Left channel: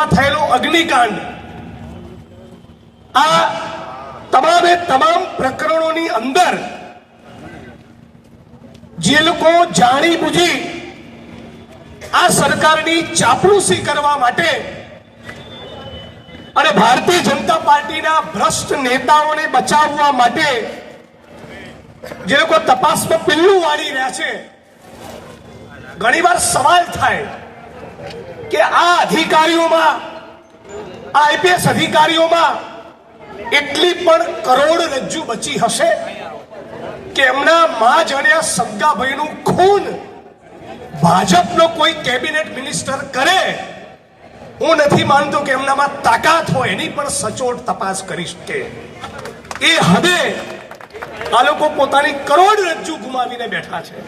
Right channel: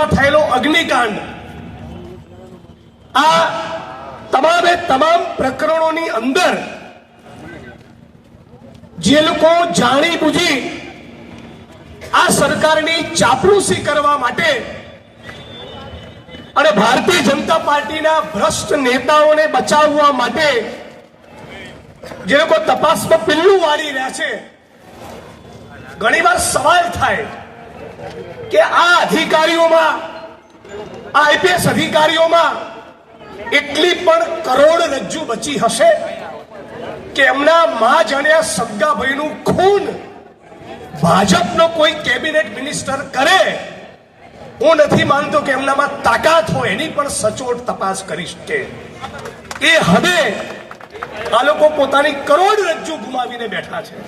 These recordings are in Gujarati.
રેલવેમાં થયેલો અગ્નિકાંડ. આ તમામે તમામ પ્રકરણોની અંદર જે લોકો જાણી બુજી આ સરકારની ચાપલુસી કરવા માટે અને ભારતીય જનતા પાર્ટીના ભ્રષ્ટ નેતાઓને બચાવવા માટે જે લોકો તપાસમાં પિલ્લું વાળી રહ્યા છે, ઘણીવાર સવાલ થાય. કે આ અધિકારીઓમાં, આ આઈપીએસ અધિકારીઓમાં એટલી પણ કરોડ રજ્જુ બચી હશે કે એમના મા જાણ્યા સગાભાઈનું ખૂન ભાજપનો કોઈ કેબિનેટ મિનિસ્ટર કરે, હું નથી માનતો કે એમનામાં તાકાત હોય, એની પણ સચોટ તપાસ કરી શકે. એ હદે આ લોકો પોતાની કરોડ રજ્જુ ગુમાવીને બેઠા છે.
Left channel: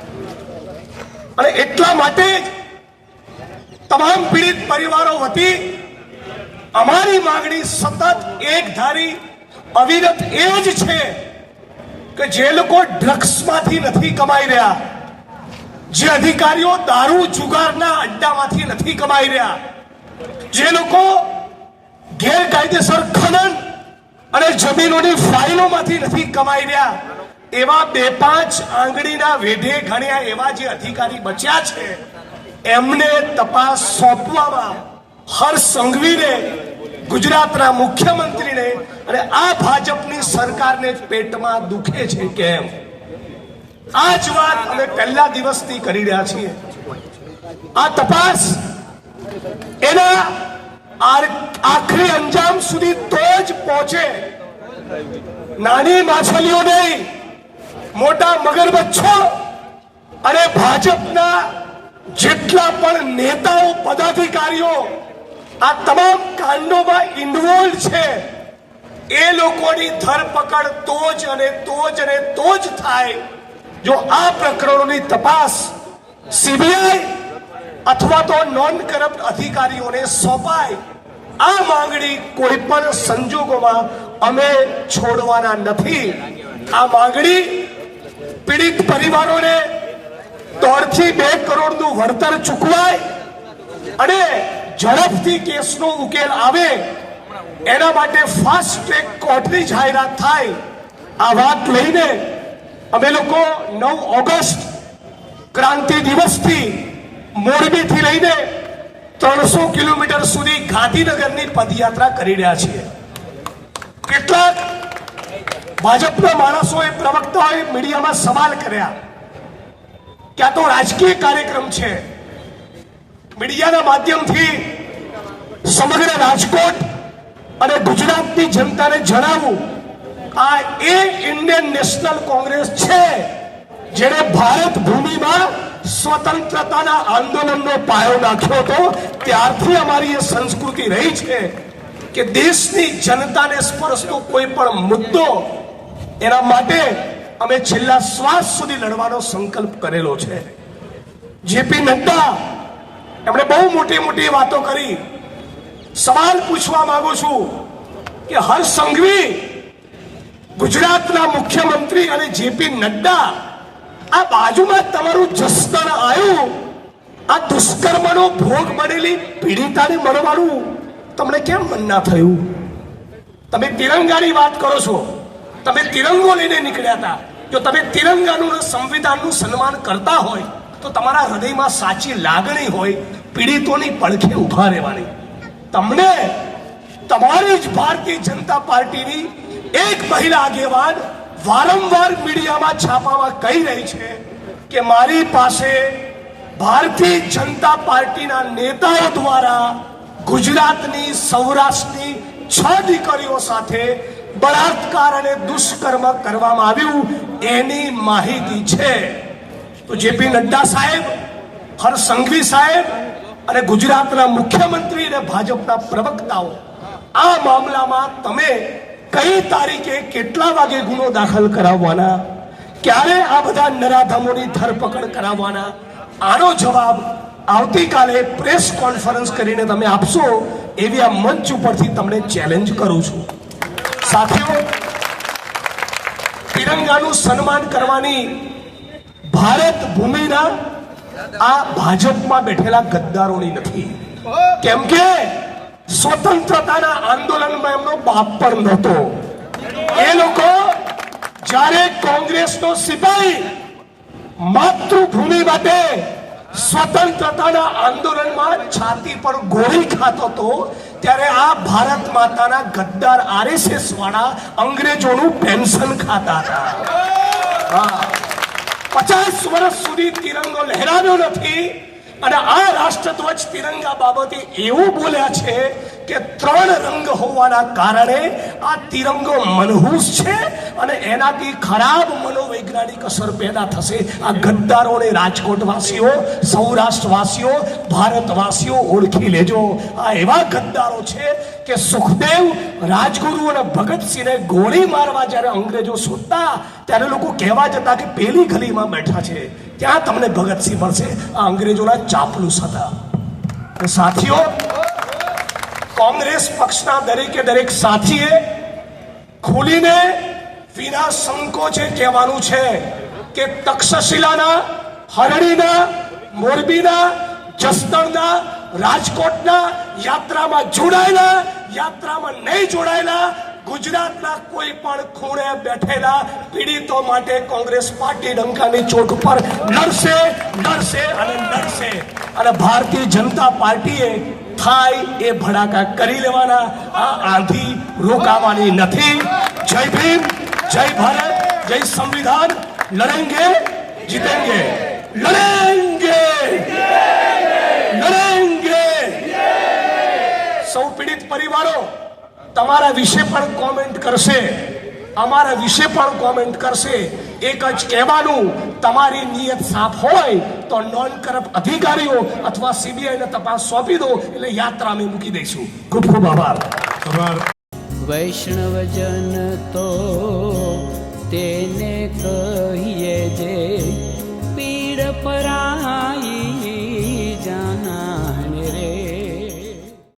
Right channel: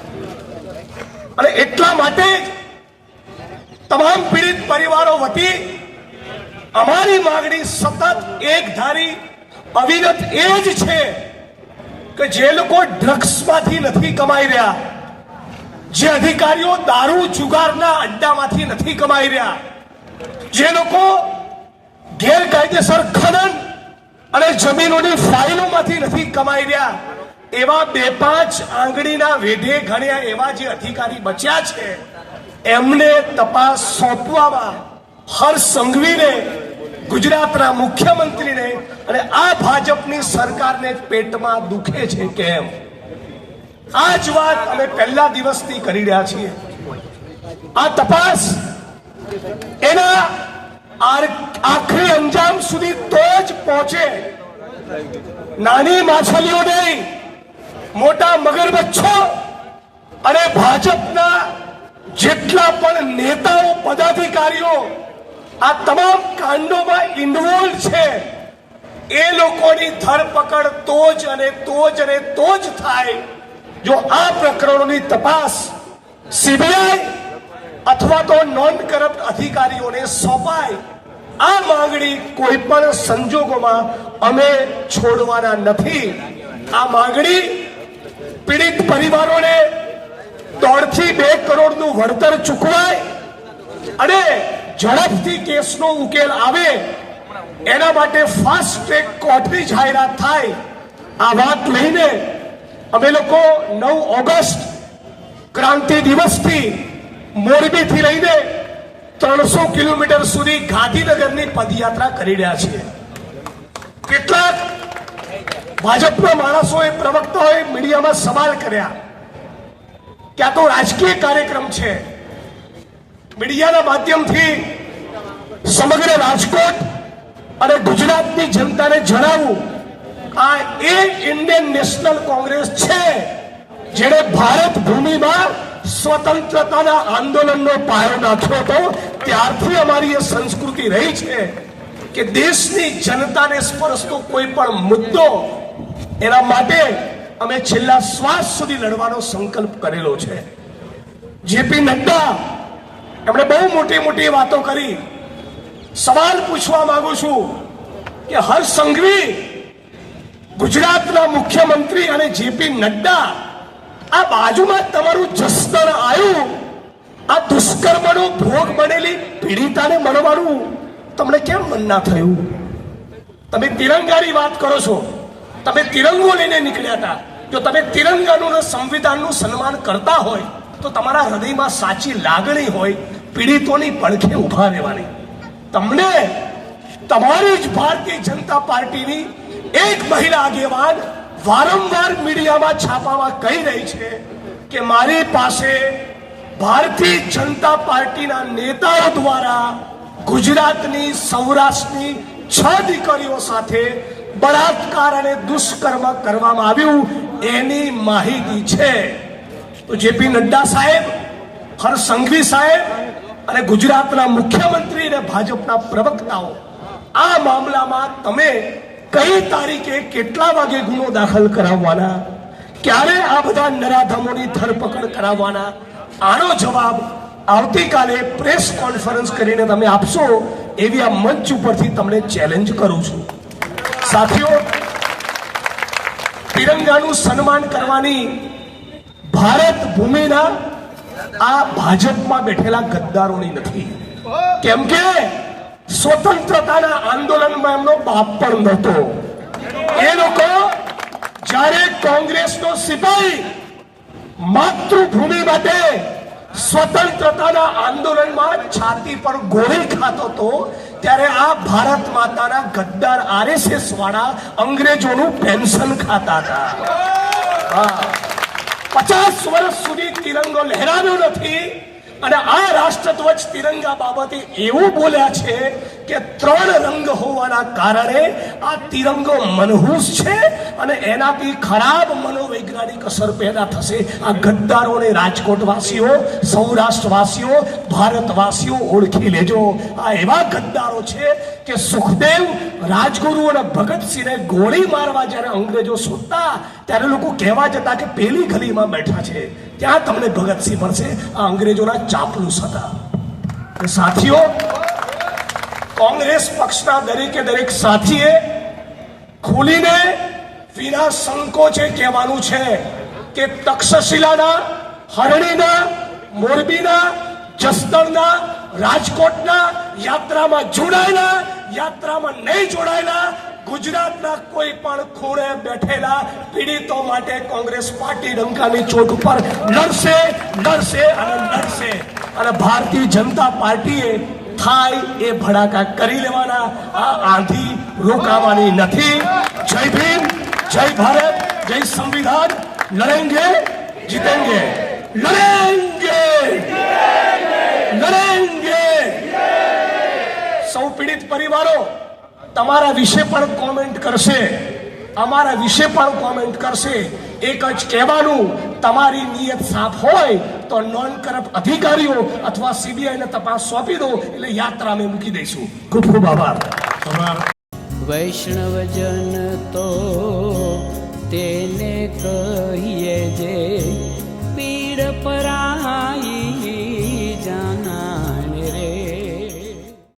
અને એટલા માટે જ તમામ પીડિત પરિવારો વતી અમારી માંગણી સતત એક ધારી અવિરત એ જ છે કે જે લોકો ડ્રગ્સમાંથી નથી કમાઈ રહ્યા, જે અધિકારીઓ દારૂ જુગારના અડ્ડામાંથી નથી કમાઈ રહ્યા, જે લોકો ગેરકાયદેસર ખનન અને જમીનોની ફાઇલોમાંથી નથી કમાઈ રહ્યા, એવા બે પાંચ આંગળીના વેઢે ઘણ્યા એવા જે અધિકારી બચ્યા છે એમને તપાસ સોંપવામાં હર્ષ સંઘવીને, ગુજરાતના મુખ્યમંત્રીને અને આ ભાજપની સરકારને પેટમાં દુખે છે કેમ? આ જ વાત અમે પહેલા દિવસથી કરી રહ્યા છીએ. આ તપાસ એના આખરી અંજામ સુધી તો જ પહોંચે. નાની માછલીઓ નહીં, મોટા મગરમચ્છો અને ભાજપના જેટલા પણ નેતાઓ, પદાધિકારીઓ આ તમામ કાંડોમાં ઇન્વોલ્વ છે, એ લોકોની ધરપકડ તો જ અને તો જ અને તો જ થાય જો આ પ્રકરણોની તપાસ સીબીઆઈ અથવા તો નોન કરપ્ટ અધિકારીઓને સોંપાય. આ માંગણી કોઈ પણ સંજોગોમાં અમે છોડવાના નથી. આ માંગણી પીડિત પરિવારોને દોઢથી બે કરોડનું વળતર ચૂકવાય અને ઝડપથી કેસનો ઉકેલ આવે, એના માટે ફાસ્ટ ટ્રેક કોર્ટની જાહેરાત થાય. આ વાત લઈને અમે લોકો નવ ઓગસ્ટ ક્રાંતિ દિવસથી મોરબીથી લઈને ત્રણસો કિલોમીટર સુધી ગાંધીનગરની પદયાત્રા કરી રહ્યા છીએ. કેટલાક ભાજપના માણસોએ પ્રવક્તાઓએ મીડિયામાં સવાલ કર્યા. કે આ તો રાજકીય કાર્યક્રમ છે મીડિયાના માધ્યમથી સમગ્ર રાજકોટ અને ગુજરાતની જનતાને જણાવું આ એ ઇન્ડિયન નેશનલ કોંગ્રેસ છે જેણે ભારત ભૂમિમાં સ્વતંત્રતાના આંદોલનનો પાયો નાખ્યો હતો ત્યારથી અમારી એ સંસ્કૃતિ રહી છે કે દેશની જનતાને સ્પર્શતો કોઈ પણ મુદ્દો એના માટે અમે છેલ્લા શ્વાસ સુધી લડવાનો સંકલ્પ કરેલો છે. જેપી નડ્ડા, એમણે બહુ મોટી મોટી વાતો કરી. સવાલ પૂછવા માંગુ છું કે હર્ષ સંઘવી, ગુજરાતના મુખ્યમંત્રી અને જેપી નડ્ડા, આ બાજુમાં તમારું જસ્તર આવ્યું આ દુષ્કર્મનો ભોગ બનેલી પીડિતાને મળવાનું તમને કેમ મન ના થયું? તમે તિરંગાની વાત કરો છો. તમે તિરંગો લઈને નીકળ્યા હતા. જો તમે તિરંગાનું સંવિધાનનું સન્માન કરતા હોય, તો તમારા હૃદયમાં સાચી લાગણી હોય, પીડિતોની પડખે ઊભા રહેવાની. તમને તમારી જ ભારતીય જનતા પાર્ટીની એક મહિલા આગેવાન વારંવાર મીડિયામાં છાપામાં કહી રહી છે કે મારી પાસે ભારતીય જનતા પાર્ટીના નેતાઓ દ્વારા ગુજરાતની સૌરાષ્ટ્રની છ દીકરીઓ સાથે બળાત્કાર અને દુષ્કર્મ કરવામાં આવ્યું, એની માહિતી છે. તો જેપી નડ્ડા સાહેબ હર્ષ સંઘવી સાહેબ અને ગુજરાતના મુખ્યમંત્રી અને ભાજપના પ્રવક્તાઓ, આ મામલામાં તમે કઈ તારીખે કેટલા વાગે ગુનો દાખલ કરાવવાના? ક્યારે આ બધા નરાધમોની ધરપકડ કરાવવાના? આનો જવાબ આવતીકાલે પ્રેસ કોન્ફરન્સ કરીને તમે આપશો, એવી આ મંચ ઉપરથી તમને ચેલેન્જ કરું છું. સાથીઓ, તિરંગાનું સન્માન કરવાની ભારત ભૂમિના આ ભાજપમાં બેઠેલા ગદ્દારોની નથી. કેમ કે સ્વતંત્રતાના આંદોલનમાં એમનો બાપ પણ નહોતો. એ લોકો જ્યારે કોંગ્રેસનો સિપાહી માતૃભૂમિ માટે સ્વતંત્રતાના આંદોલનમાં છાતી પર ગોળી ખાતો હતો, ત્યારે આ ભારત માતાના ગદ્દાર આરએસએસ વાળા અંગ્રેજોનું પેન્શન ખાતા હતા. પચાસ વર્ષ સુધી તિરંગો લહેરાવ્યો નથી અને આ રાષ્ટ્રધ્વજ તિરંગા બાબતે એવું બોલ્યા છે કે ત્રણ રંગ હોવાના કારણે આ તિરંગો મનહૂસ છે અને એનાથી ખરાબ મનોવૈજ્ઞાનિક અસર પેદા થશે. આ ગદ્દારોને રાજકોટવાસીઓ, સૌરાષ્ટ્રવાસીઓ, ભારતવાસીઓ ઓળખી લેજો. આ એવા ગદ્દારો છે કે સુખદેવ રાજગુરુ અને ભગતસિંહને ગોળી મારવા જ્યારે અંગ્રેજો શોધતા ત્યારે લોકો કહેવા જતા કે પેલી ગલીમાં બેઠા છે. ત્યાં તમને ભગતસિંહ મળશે? આ અંગ્રેજોના ચાપલુસ હતા. સાથીઓ, કોંગ્રેસ પક્ષના દરેકે દરેક સાથીએ ખુલીને વિના સંકોચે કહેવાનું છે કે તક્ષશિલાના, હરણીના, મોરબીના જસદણના, રાજકોટના, યાત્રામાં જોડાયેલા, યાત્રામાં નહીં જોડાયેલા, ગુજરાતના કોઈ પણ ખૂણે બેઠેલા પીડિતો માટે કોંગ્રેસ પાર્ટી ડંકાની ચોટ પર લડશે લડશે અને લડશે અને ભારતીય જનતા પાર્ટીએ થાય એ ભડાકા કરી લેવાના. આ આંધી રોકાવાની નથી. જય ભીમ, જય ભારત, જય સંવિધાન. લડેંગે જીતેંગે લડેંગે સૌ પીડિત પરિવારો તમારા વિશે પણ કોમેન્ટ કરશે. અમારા વિશે પણ કોમેન્ટ કરશે. એક જ કહેવાનું તમારી નિયત સાફ હોય તો નોન કરપ્ટ અધિકારીઓ અથવા સીબીઆઈને તપાસ સોંપી દો એટલે યાત્રા અમે મૂકી દઈશું. ખૂબ ખૂબ આભાર. વૈષ્ણવજન તો તેને કહીએ જે